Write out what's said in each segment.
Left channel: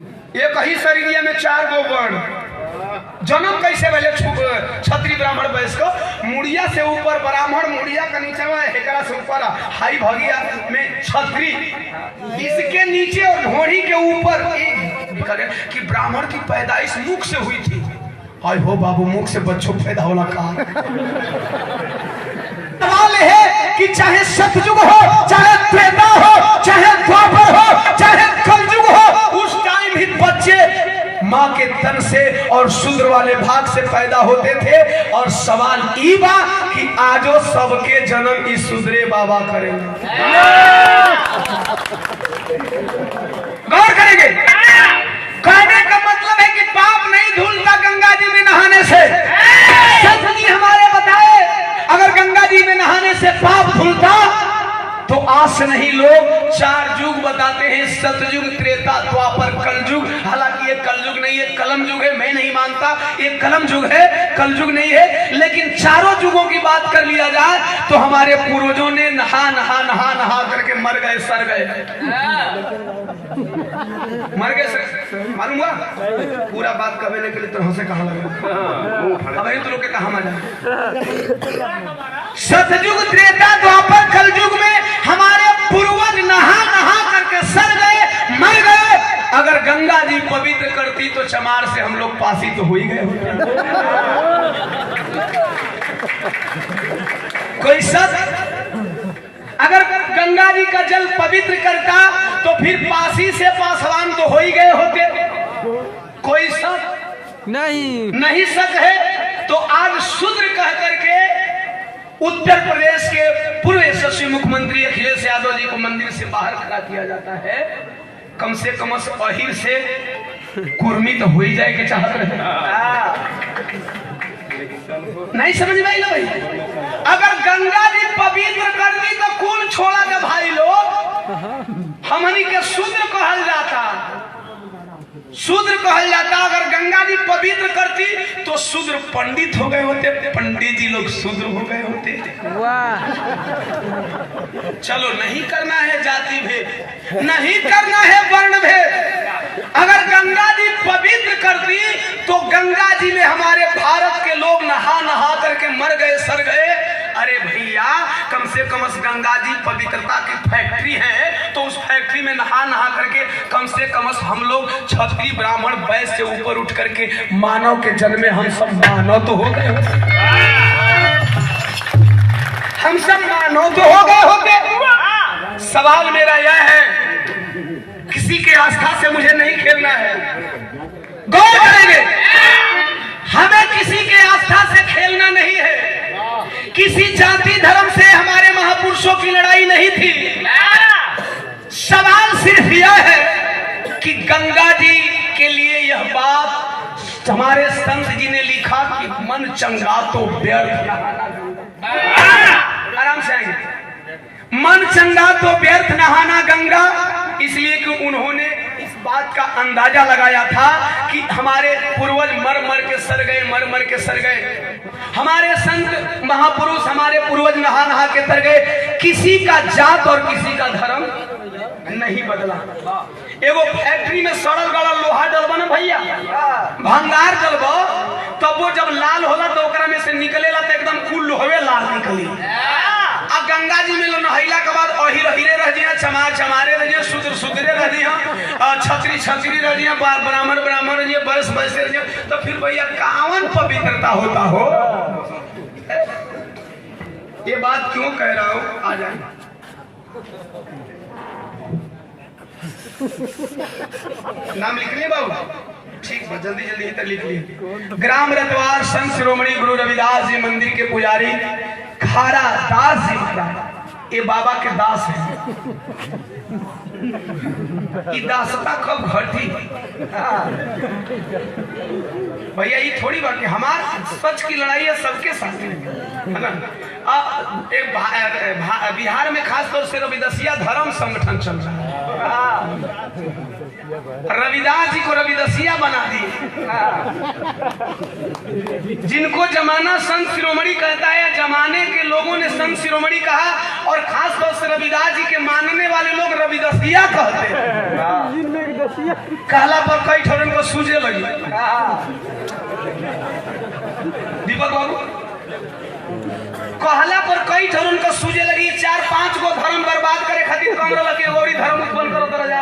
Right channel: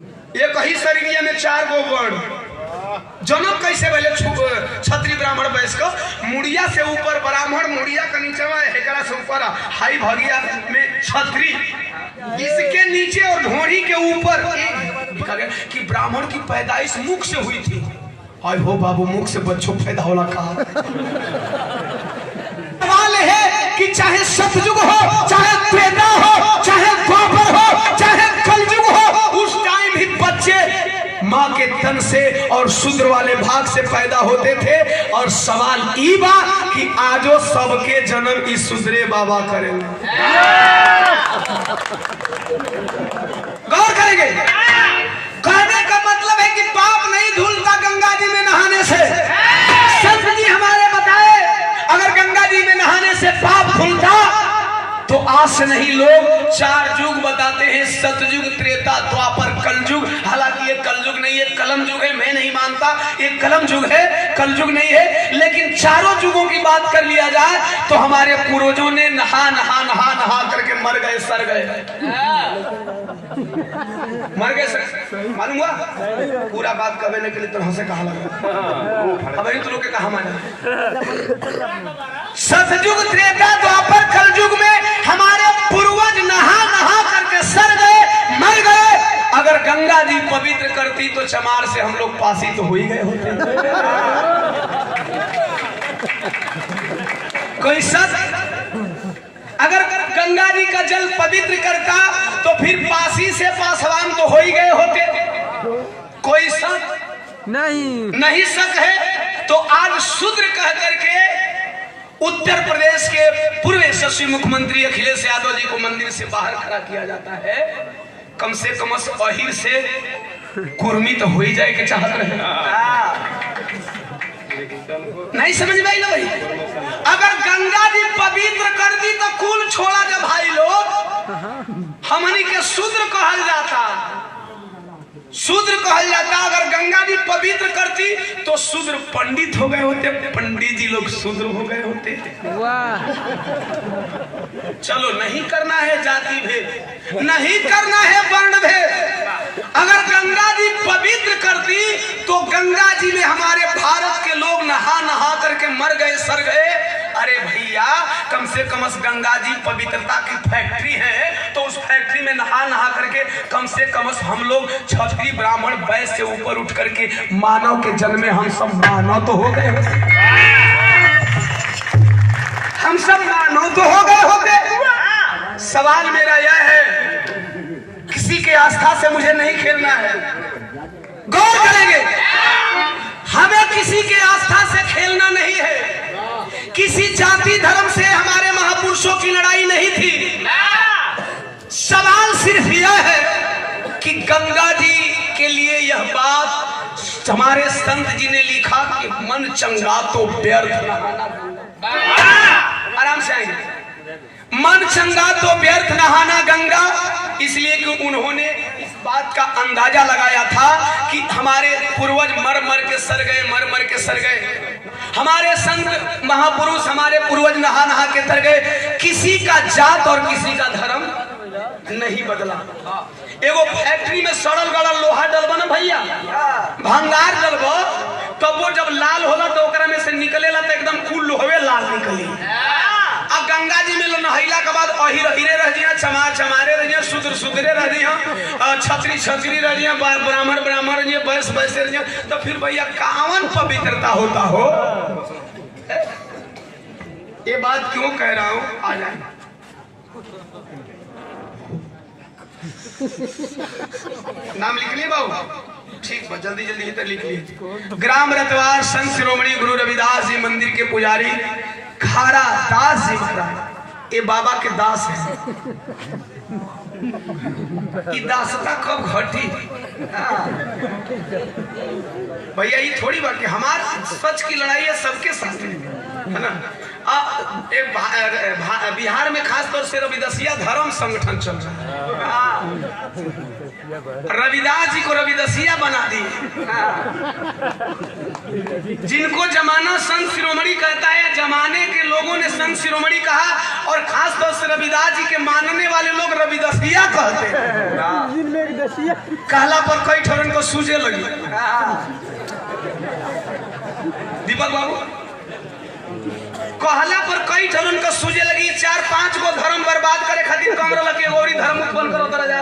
एक ही शरीरिया में 4 गो वर्ण। जन्म कैसे पहले क्षत्रिय ब्राह्मण वैश्य मुड़िया से ऊपर ब्राह्मण, मुड़िया का नीचे हेकरा से ऊपर हाई भगिया में क्षत्रिय, इसके नीचे और ढोड़ी के ऊपर कि ब्राह्मण की पैदाइश मुख से हुई थी। हाय हो बाबू, मुख से बच्चों पैदा होला का सवाल है कि चाहे सतयुग हो, चाहे त्रेता हो, चाहे द्वापर हो, चाहे कलयुग हो, उस टाइम भी बच्चे माँ के तन से और शूद्र वाले भाग से पैदा होते थे। और सवाल ई बा कि आजो सबके जन्म इस शूद्रे बाबा करेंगे। गौर करेंगे। कहने का मतलब है कि पाप नहीं धुलता गंगा जी में नहाने से। सत जी हमारे बताए, अगर गंगा जी में नहाने से पाप धुलता तो आज से नहीं लोग 4 युग बताते हैं, सतयुग, त्रेता, द्वापर, कलयुग। हालांकि ये कलयुग नहीं है, कलम युग है। मैं नहीं मानता ये कलम युग है, कलयुग नहीं है। लेकिन चारों युगों की बात कर लिया जाए तो हमारे पूर्वजों ने नहा नहा नहा नहा करके मर गए, सर गए, मर गए सर। मालूम हुआ पूरा बात करने के लिए तो हमसे कहा लगा, अब तो लोग के कहा माना। सतयुग, त्रेता, द्वापर, कलयुग में हमारे पूर्वज नहा नहा करके सर गए, मर गए। अगर गंगा जी पवित्र करती तो चमार से हम लोग पासी तो हो ही गए होते। कोई सत अगर गंगा जी का जल पवित्र करता तो फिर पासी से पासवान तो हो ही गए होते। कोई शक नहीं शक है। तो आज शूद्र कह करके उत्तर प्रदेश के पूर्व यशस्वी मुख्यमंत्री अखिलेश यादव जी को मंदिर से बाहर खड़ा किया जाता है। कम से कम अहिर से कुर्मी तो हो ही जाए कि चाहत रहे। नहीं समझ में आई ना भाई। अगर गंगा जी पवित्र करती तो कुल छोड़ा जा भाई लोग, हमनी के शूद्र कहल जाता, शूद्र कहल जाता। अगर गंगा जी पवित्र करती तो शूद्र पंडित हो गए होते, पंडित जी लोग शूद्र हो गए होते। वाह। चलो नहीं करना है जाति भेद, नहीं करना है वर्ण भेद। अगर गंगा जी पवित्र करती तो गंगा जी में हमारे भारत के लोग नहा नहा करके मर गए, सर गए। अरे भैया, कम से कम गंगा जी पवित्रता की फैक्ट्री है तो उस फैक्ट्री में नहा नहा करके कम से कम हम लोग क्षत्रिय ब्राह्मण वैश्य से ऊपर उठ करके मानव के जन्म में हम सब मानव तो हो गए होते। हम सब मानव तो हो गए होते। सवाल मेरा यह है, किसी के आस्था से मुझे नहीं खेलना है। गौर करेंगे, हमें किसी के आस्था से खेलना नहीं है। किसी जाति धर्म से हमारे महापुरुषों की लड़ाई नहीं थी। सवाल सिर्फ यह है कि गंगा जी के लिए यह बात हमारे संत जी ने लिखा कि मन चंगा तो व्यर्थ। आराम से आएंगे। मन चंगा तो व्यर्थ नहाना गंगा, इसलिए कि उन्होंने इस बात का अंदाजा लगाया था कि हमारे पूर्वज मर मर के सर गए, मर मर के सर गए। हमारे संत महापुरुष, हमारे पूर्वज नहा नहा के तर गए। किसी का जात और किसी का धर्म नहीं बदला। एगो फैक्ट्री में सड़ल गड़ल लोहा डलबा ना भैया, भंगार डलबा, तब वो जब लाल होला तो ओकरा में से निकलेला तो एकदम कुल लोहवे लाल निकली। अब गंगा जी में नहैला के बाद अहिर अहिरे रह जिया, चमार चमारे रह जिया, शूद्र शूद्रे रह जिया, छत्री छत्री रह जिया, ब्राह्मण ब्राह्मण रह जिया, वैश्य वैश्य रह जिया। तो फिर भैया कावन पवित्रता होता हो। ये बात क्यों कह रहा हूं, आ जाए। नाम लिख लिए बाबू? ठीक है, जल्दी जल्दी तक लिख लिए। ग्राम रतवार संत शिरोमणि गुरु रविदास जी मंदिर के पुजारी खारा दास जी महाराज, ये बाबा के दास है। ये दासता कब घटी भैया? ये थोड़ी बात कि हमारे सच की लड़ाई है सबके साथ है ना। बिहार में खास तौर से रविदासिया धर्म संगठन चल रहा है। रविदास जी को रविदासिया बना दी। जिनको जमाना संत शिरोमणि कहता है, जमाने के लोगों ने संत शिरोमणि कहा, और खास तौर से रविदास जी के मानने वाले लोग रविदासिया कहते हैं। कहला पर कई ठोरन को सूझे लगी। दीपक बाबू, कहला पर कई ठोरन को सूझे लगी। 4-5 को धर्म बर्बाद करे खातिर कंगरो लगे और धर्म उत्पन्न करो तरह जा।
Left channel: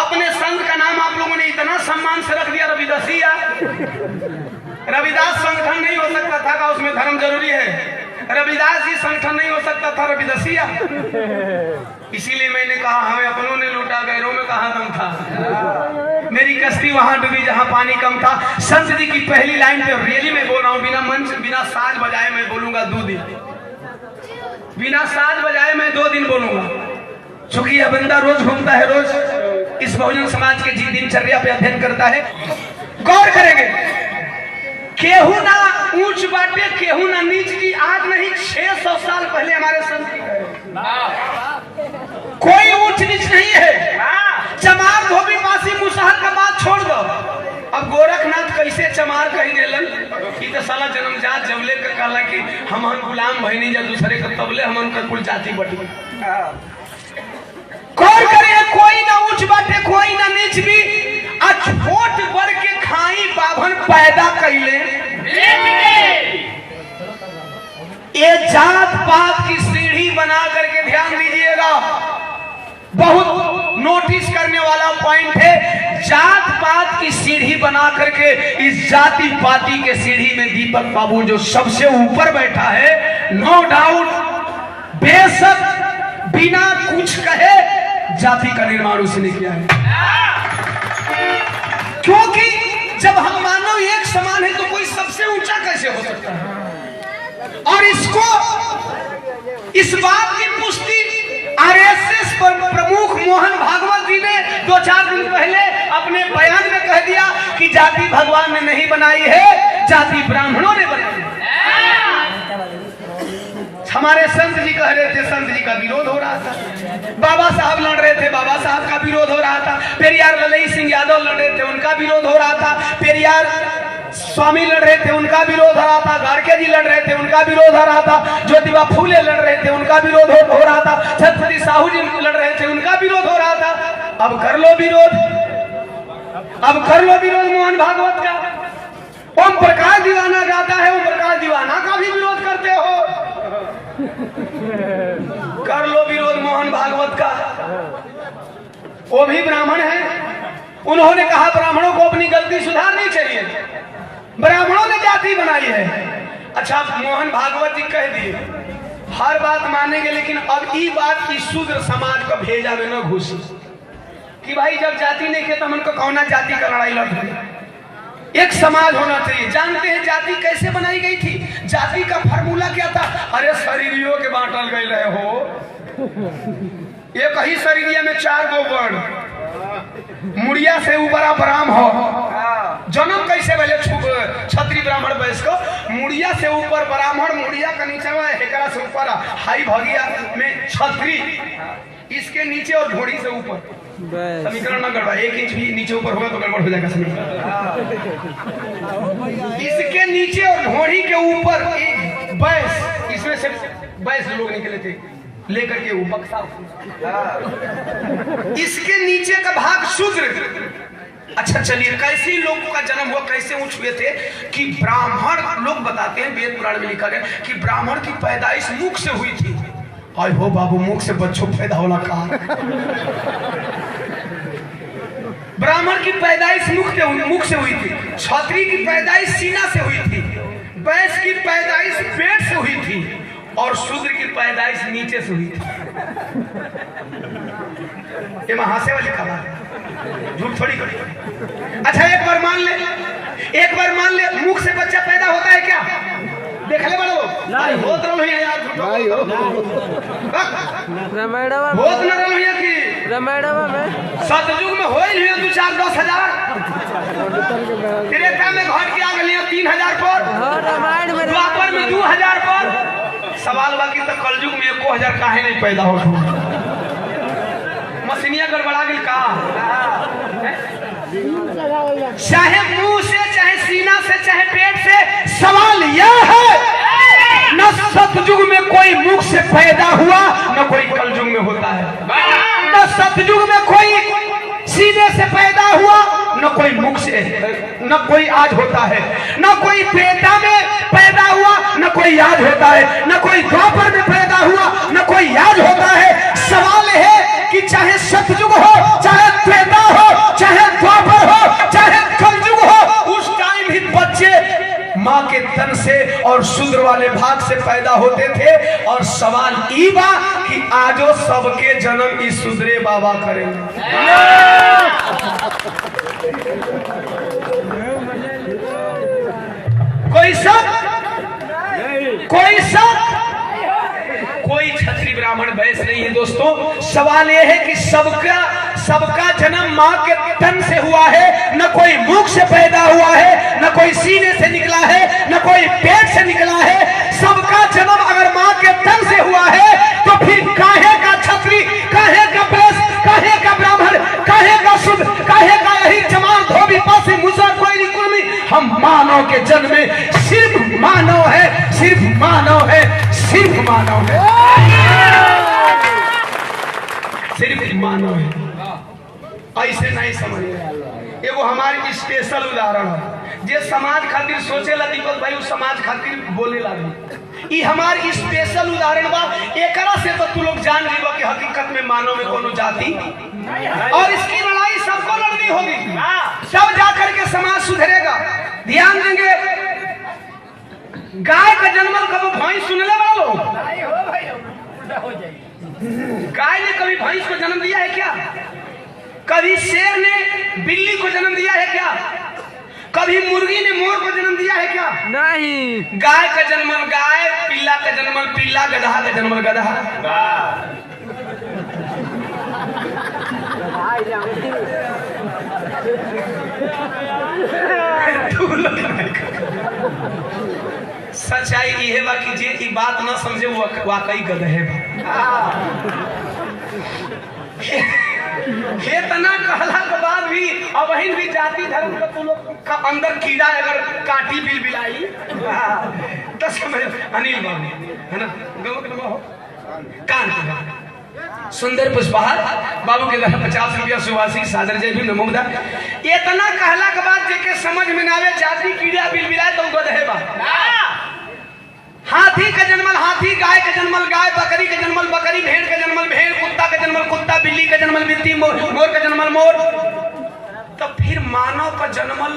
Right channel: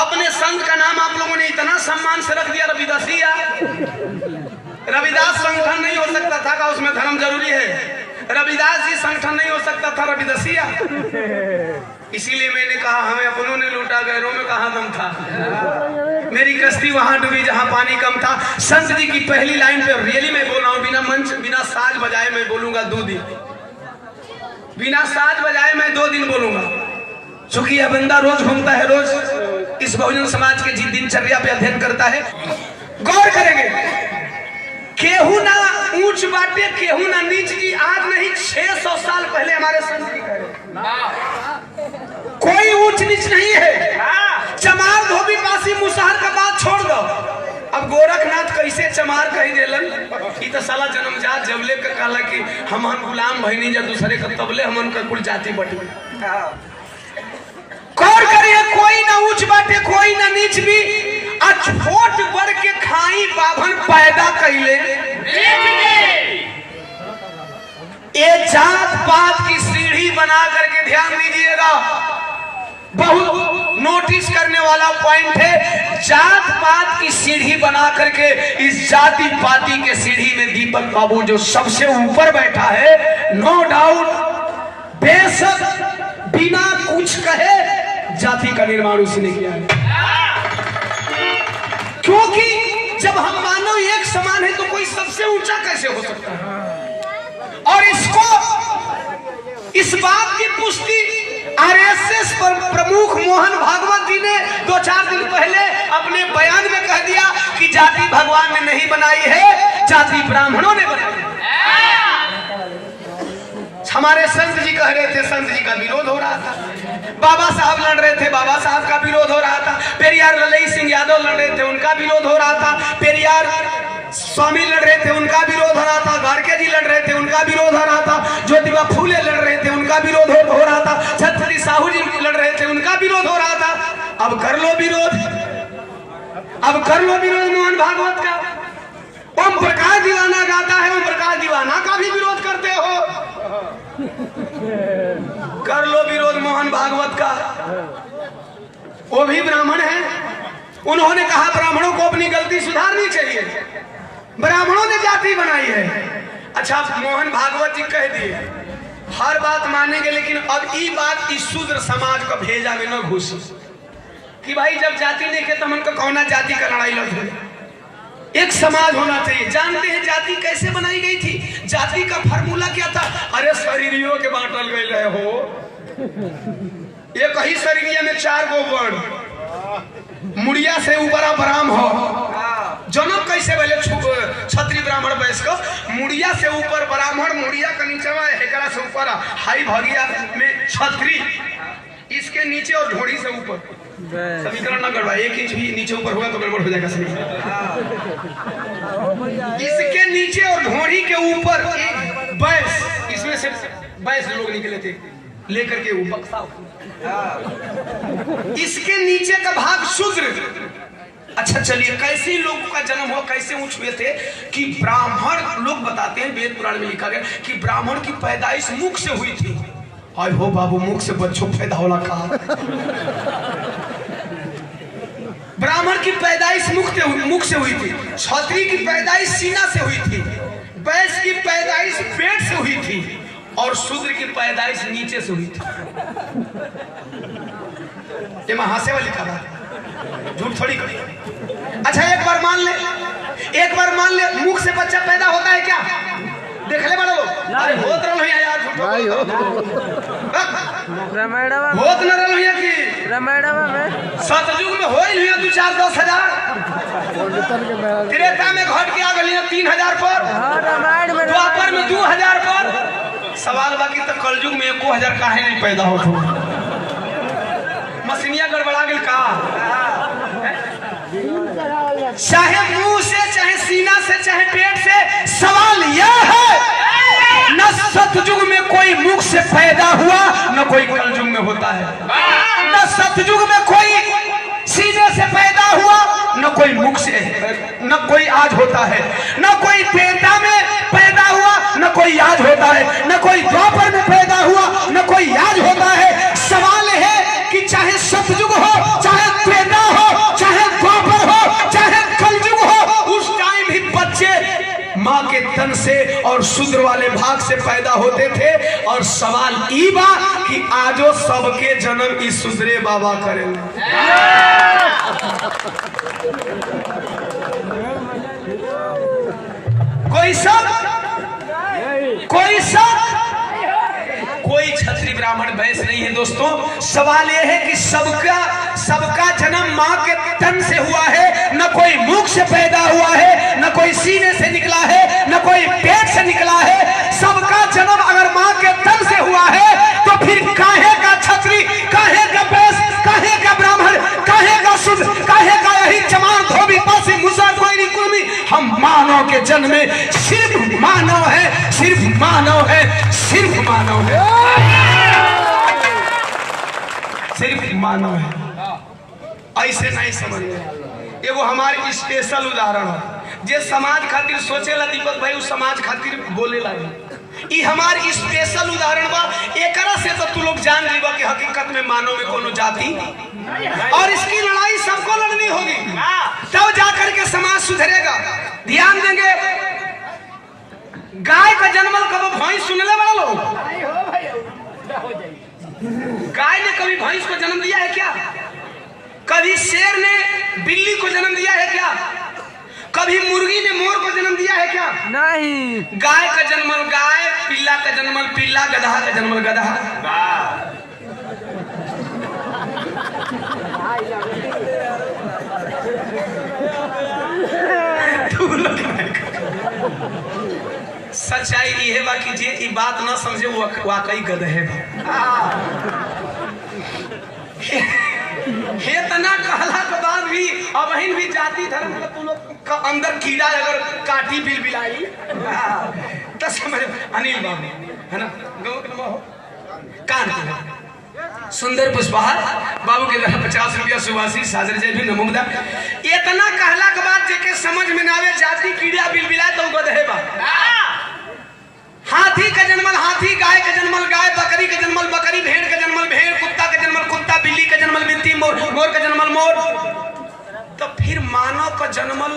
अपने संत का नाम आप लोगों ने इतना सम्मान से रख दिया रविदासिया। रविदास संगठन नहीं हो सकता था का उसमें धर्म जरूरी है। रविदास जी संगठन नहीं हो सकता था रविदासिया। इसीलिए मैंने कहा हमें अपनों ने लूटा, गैरों में कहाँ दम था। मेरी कश्ती वहां डूबी जहां पानी कम था। संत जी की पहली लाइन पे रियली मैं बोल रहा हूँ, बिना मंच बिना साज बजाए मैं बोलूंगा 2 दिन, बिना साज बजाए मैं 2 दिन बोलूंगा। चूंकि यह बंदा रोज घूमता है, रोज इस बहुजन समाज के दिनचर्या पे अध्ययन करता है। गौर करेंगे, केहू ना ऊंच बाटे केहू ना नीच की। आज नहीं 600 साल पहले हमारे संत जी कहे कोई ऊंच नीच नहीं है। चमार धोबी पासी मुसहर का बात छोड़ दो। अब गोरखनाथ कैसे चमार कहीं दिलन कि तो साला जन्मजात जबले का कहला कि हम गुलाम भइनी जा दूसरे का, तबले हम उनका कुल जाति बटी। गौर करिए, कोई ना ऊंच बाटे कोई ना नीच भी। छोट बड़ के खाई बाभन पैदा कैले। ये जात पात की सीढ़ी बना करके ध्यान दीजिएगा, बहुत नोटिस करने वाला पॉइंट है। जात पात की सीढ़ी बना करके इस जाति पाति के सीढ़ी में दीपक बाबू जो सबसे ऊपर बैठा है, नो डाउट, बेशक बिना कुछ कहे जाति का निर्माण उसने किया है। क्योंकि जब हम मानव एक समान है तो कोई सबसे ऊंचा कैसे हो सकता है। और इसको इस बात की पुष्टि आरएसएस प्रमुख मोहन भागवत जी ने 2-4 दिन पहले अपने बयान में कह दिया कि जाति भगवान ने नहीं बनाई है, जाति ब्राह्मणों ने बनाई है। हमारे संत जी कह रहे थे, संत जी का विरोध हो रहा था। बाबा साहब लड़ रहे थे, बाबा साहब का विरोध हो रहा था। पेरियार ललई सिंह यादव लड़ रहे थे, उनका विरोध हो रहा था। पेरियार स्वामी लड़ रहे थे, उनका विरोध हो रहा था। गाड़के जी लड़ रहे थे, उनका विरोध हो रहा था। ज्योतिबा फूले लड़ रहे थे, उनका विरोध हो रहा था। छत्रपति साहू जी लड़ रहे थे, उनका विरोध हो रहा था। अब कर लो विरोध, अब कर लो विरोध मोहन भागवत का। ओम प्रकाश दीवाना गाता है, ओम प्रकाश दीवाना का भी विरोध करते हो। कर लो विरोध मोहन भागवत का। वो भी ब्राह्मण है, उन्होंने कहा ब्राह्मणों को अपनी गलती सुधारनी चाहिए, ब्राह्मणों ने जाति बनाई है। अच्छा, मोहन भागवत जी कह दिए हर बात मानेंगे, लेकिन अब ये बात इस शूद्र समाज का भेजा में न घुस कि भाई जब जाति नहीं के तब उनको कौना जाति का लड़ाई लड़ रही। एक समाज होना चाहिए। जानते हैं जाति कैसे बनाई गई थी? जाति का फार्मूला क्या था? अरे शरीरियों के बांटल गए रहे हो, एक ही शरीरिया में 4 गो वर्ण, मुड़िया से ऊपर ब्राह्म हो। जन्म कैसे पहले क्षत्रिय ब्राह्मण वैश्य को, मुड़िया से ऊपर ब्राह्मण, मुड़िया का नीचे हेकरा से ऊपर हाई भगिया में क्षत्रिय, इसके नीचे और ढोड़ी से ऊपर। समीकरण ना गड़बड़ा, 1 इंच भी नीचे ऊपर होगा तो गड़बड़ हो जाएगा समीकरण। इसके नीचे और ढोड़ी के ऊपर एक बैस, इसमें से बैस लोग निकले थे लेकर के वो बक्सा। इसके नीचे का भाग शूद्र। अच्छा चलिए, कैसे लोगों का जन्म हुआ, कैसे उठ हुए थे कि ब्राह्मण लोग बताते हैं, वेद पुराण में लिखा गया कि ब्राह्मण की पैदाइश मुख से हुई थी। आय हो बाबू, मुख से बच्चों पैदा होला कहा। ब्राह्मण की पैदाइश मुख से हुई थी, क्षत्रिय की पैदाइश सीना से हुई थी, वैश्य की पैदाइश पेट से हुई थी और शूद्र की पैदाइश नीचे से हुई थी। ये हासे वाली खबर है, झूठ थोड़ी करी। अच्छा एक बार मान ले मुख से बच्चा पैदा होता है क्या? देख ले बड़ो, अरे होत रहो यार, झूठो होत न रहो ये की रामायणवा में सतयुग में होई लिया 2-4-10 हजार, त्रेता में घट के आ गलियां 3000 पर, हां रामायण में द्वापर में 2000 पर। सवाल बाकी तो कलयुग में 1000 काहे नहीं पैदा हो? मशीनिया गड़बड़ा गेल का? चाहे मुंह से, चाहे सीना से, चाहे पेट से, सवाल यह है न सतयुग में कोई मुख से पैदा हुआ, न कोई कलयुग में होता है। न सतयुग में कोई सीने से पैदा हुआ, न कोई मुख से, न कोई आज होता है, न कोई त्रेता में पैदा हुआ, न कोई आज होता है, न कोई द्वापर में पैदा हुआ, न कोई आज होता है। सवाल है कि चाहे सतयुग हो, चाहे त्रेता हो, चाहे द्वापर हो, चाहे कलयुग हो, उस टाइम भी बच्चे माँ के तन से और शूद्र वाले भाग से पैदा होते थे। और सवाल ई बा कि आजो सबके जन्म इस शूद्रे बाबा करेंगे। कोई क्षत्रिय ब्राह्मण वैश्य नहीं है दोस्तों। सवाल यह है कि सबका जन्म माँ के तन से हुआ है, न कोई मुख से पैदा हुआ है, न कोई सीने से निकला है, न कोई पेट से निकला है। सबका जन्म अगर माँ के तन से हुआ है तो फिर काहे का क्षत्रिय, काहे का वैश्य, काहे का ब्राह्मण, काहे का शूद्र, काहे का यही चमार धोबी पासी मुसर कोई कुर्मी। हम मानव के जन्म में सिर्फ मानव है, सिर्फ मानव है, सिर्फ मानव है, सिर्फ मानव है। ऐसे नहीं समझ में। एगो हमारी स्पेशल उदाहरण है जे समाज खातिर सोचेला दीपक भाई उस समाज खातिर बोले लागे। ई हमारी स्पेशल उदाहरण बा। एकरा से तो तू लोग जान लेबो कि हकीकत में मानव में कोनो जाति और इसकी लड़ाई सबको लड़नी होगी, तब जाकर के समाज सुधरेगा। ध्यान देंगे, गाय का जन्म कभी भैंस सुनने वालों नहीं हो भाई, उल्टा हो जाएगी। गाय ने कभी भैंस को जन्म दिया है क्या? कभी शेर ने बिल्ली को जन्म दिया है क्या? कभी मुर्गी ने मोर को जन्म दिया है क्या? नहीं। गाय का जन्मल गाय, पिल्ला का जन्मल पिल्ला, गधा का जन्मल गधा। सच्चाई ये बा कि जे ई बात न समझे वाकई गधे हे तना कहला के बाद भी अब भी जाति धर्म का तुम लोग का अंदर कीड़ा अगर काटी बिल बिलाई तो समझ। अनिल बाबू है ना, गाँव के हो कान सुंदर पुष्पहार बाबू के घर 50 रुपया सुवासी साजर जय भी नमोदा। इतना कहला के बाद जेके समझ में ना आवे जाति कीड़ा बिल बिलाए तो गधे बा। हाथी का जन्मल हाथी, गाय का जन्मल गाय, बकरी का जन्मल बकरी, भेड़ का जन्मल भेड़, कुत्ता का जन्मल कुत्ता, बिल्ली का जन्मल बिल्ली, मोर का जन्मल मोर। तो फिर मानव का जन्मल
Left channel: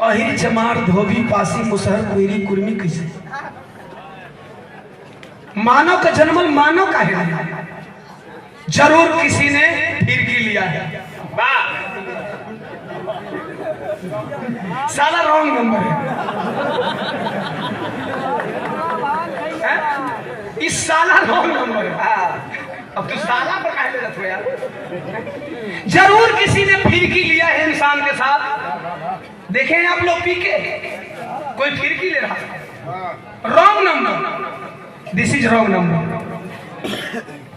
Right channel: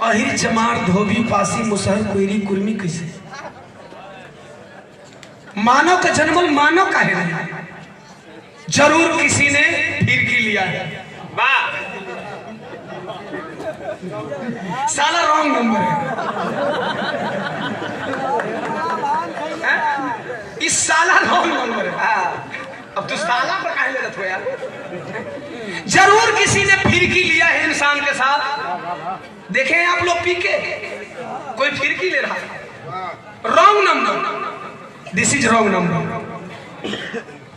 अहिर चमार धोबी पासी मुसहर कोयरी कुर्मी कैसे? मानव का जन्मल मानव का है, जरूर किसी ने फिरकी लिया है। साला रॉन्ग नंबर है। इस साला रॉन्ग नंबर है। अब तो साला पर काहे ले रहे हो यार? जरूर किसी ने फिरकी लिया है इंसान के साथ। देखें आप लोग पी के कोई फिरकी ले रहा है, wrong number, this is wrong number.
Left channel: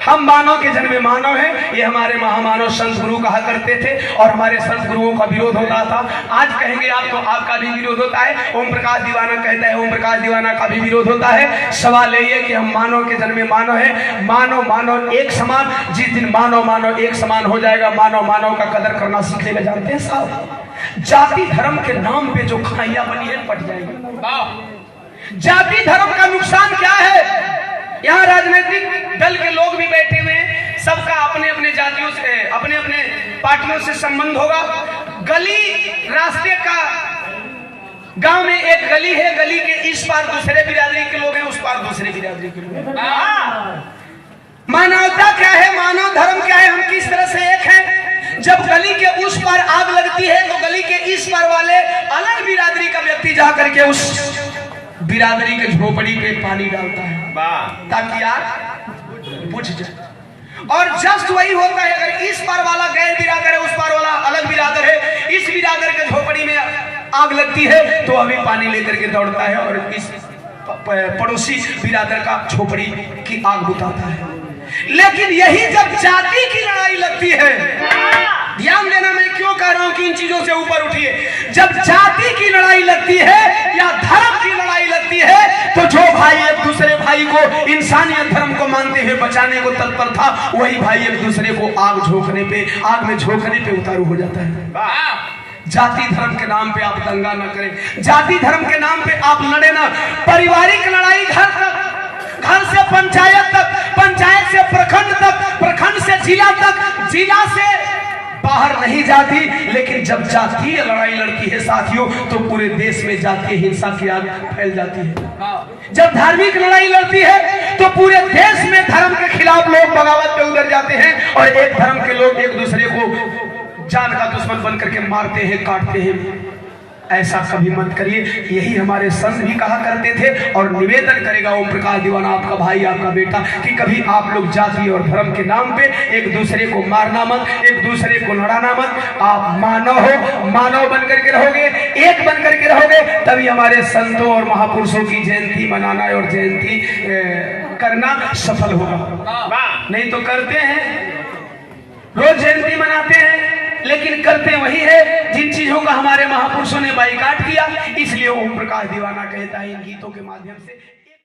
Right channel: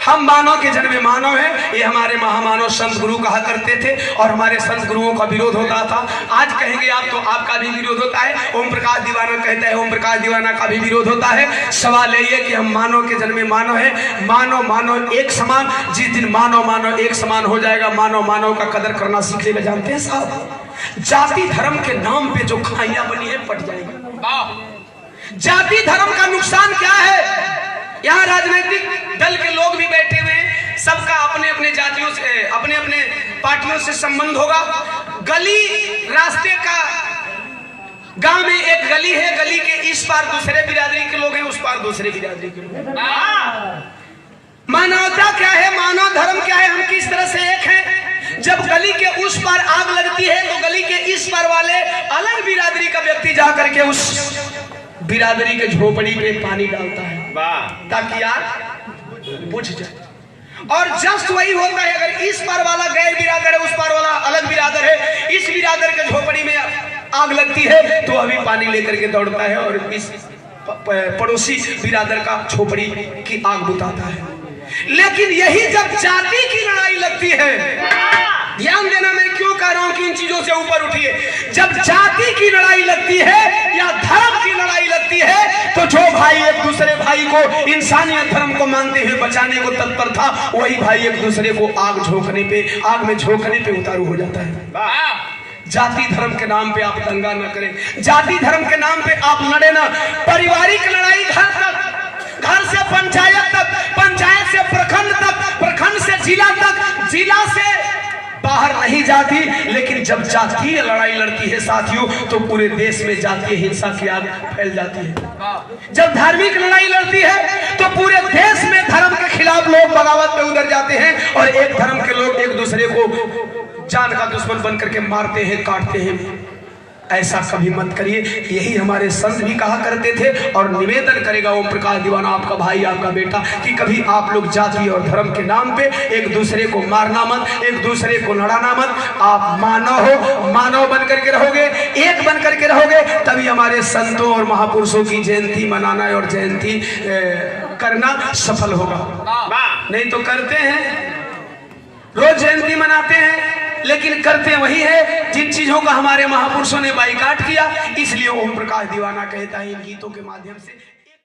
हम मानव के जन्म में मानव हैं, ये हमारे महामानव संत गुरु कहा करते थे और हमारे संत गुरुओं का विरोध होता था। आज कहेंगे आप तो आपका भी विरोध होता है। ओम प्रकाश दीवाना कहता है ओम प्रकाश दीवाना का भी विरोध होता है। सवाल यही है कि हम मानव के जन्म में मानव है, मानव मानव एक समान। जिस दिन मानव मानव एक समान हो जाएगा, मानव मानव का कदर करना सीखेगा। जानते हैं साहब, जाति धर्म के नाम पे जो खाइयां बनी है पट जाएगी। जाति धर्म का नुकसान क्या है? यहाँ राजनीतिक दल के लोग भी बैठे हुए हैं, सबका अपने अपने जातियों से अपने अपने पार्टियों से संबंध होगा। गली रास्ते का गांव में एक गली है, गली के इस पार दूसरे बिरादरी के लोग हैं, उस पार दूसरे बिरादरी के लोग। मानवता क्या है, मानव धर्म क्या है, हम किस तरह से एक हैं? जब गली के उस पार आग लगती है तो गली के इस पार वाले अलग बिरादरी का व्यक्ति जा करके उस बिरादरी के झोपड़ी पे पानी डालता है ताकि आग बुझ जाए। और जब वही होता है, अगर इस पार वाला गैर बिरादर है, उस पार वाला अलग बिरादर है, इस बिरादर के झोपड़ी में आग लगती है तो अभी पानी लेकर के दौड़ता है और इस पड़ोसी बिरादर का झोपड़ी की आग बुझाता है। लेकिन यही जब जाति की लड़ाई लगती है, ध्यान देना मैं क्यों कह रहा हूं कि इन चीजों से ऊपर उठिए। जब जाति की लड़ाई लगती है या धर्म की लड़ाई लड़ाई लगती है तो जो भाई एक दूसरे भाई को इंसानियत धर्म को मानते हुए बचाने को तत्पर था, वही भाई एक दूसरे को आग में झोंकने पे उतारू हो जाता है। जाति धर्म के नाम पे आप दंगा न करें, जाति धर्म के नाम पे आप लड़े ना। पारिवारिक लड़ाई घर तक, घर से पंचायत तक, पंचायत से प्रखंड तक, प्रखंड से जिला तक, जिला से बाहर नहीं जाती। लेकिन जब जातीय लड़ाई लड़ती है साथियों तो पूरे देश में जातीय हिंसा की आग फैल जाती है। जब धार्मिक लड़ाई लड़ती है तो पूरे देश में धर्म के खिलाफ लोग बगावत पे उतर जाते हैं और एक धर्म के लोग एक दूसरे को जान का दुश्मन बन करके मारते हैं, काटते हैं। ऐसा कभी मत करिए, यही हमारे संत भी कहा करते थे और निवेदन करेगा ओम प्रकाश दीवाना, आपका भाई, आपका बेटा, कि कभी आप लोग जाति और धर्म के नाम पे एक दूसरे को मारना मत, एक दूसरे को लड़ाना मत। आप मानव बन करके रहोगे, एक बन करके रहोगे, तभी हमारे संतों और महापुरुषों की जयंती मनाना और जयंती करना सफल होगा। नहीं तो करते हैं, रोज जयंती मनाते हैं लेकिन करते वही है जिन चीजों का हमारे महापुरुषों ने बाइकाट किया। इसलिए ओम प्रकाश दीवाना कहता है इन गीतों के माध्यम से